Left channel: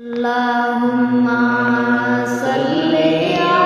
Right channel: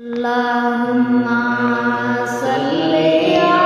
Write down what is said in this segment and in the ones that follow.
اللهم صل على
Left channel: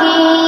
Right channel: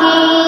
की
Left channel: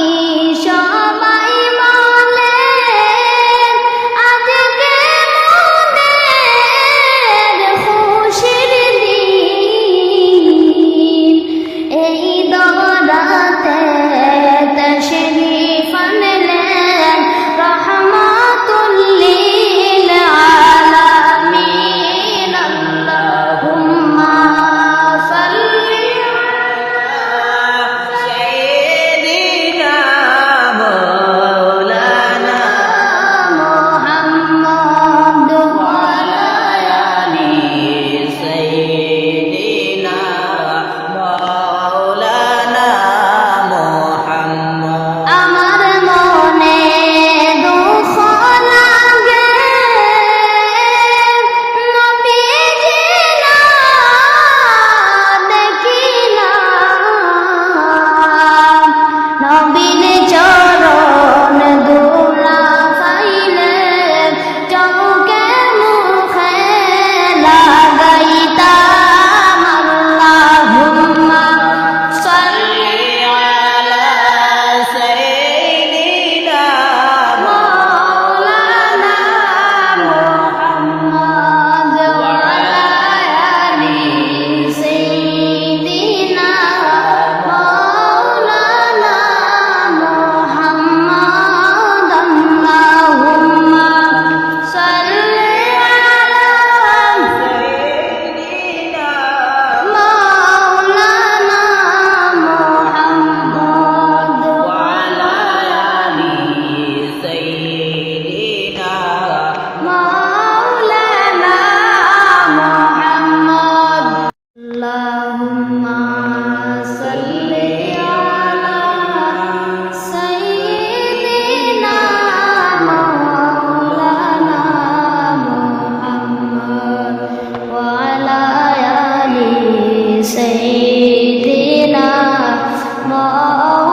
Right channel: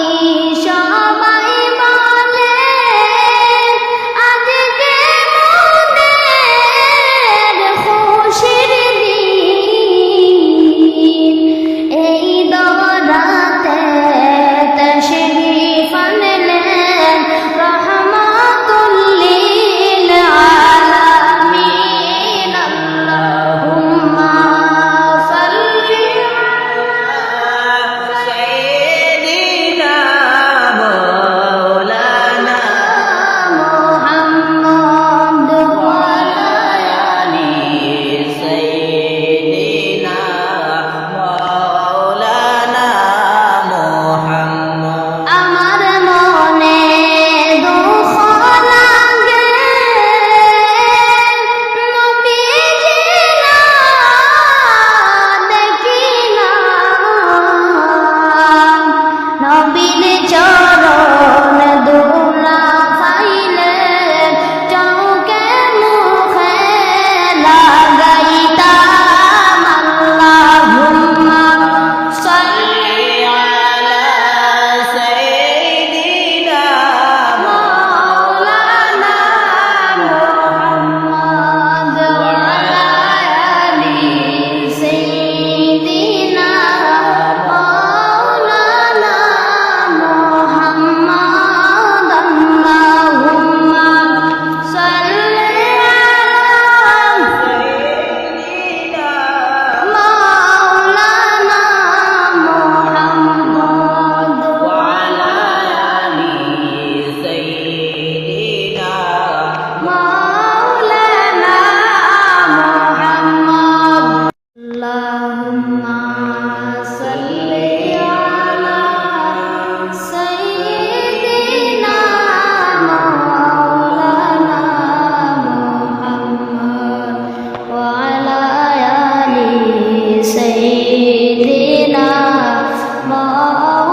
Oh.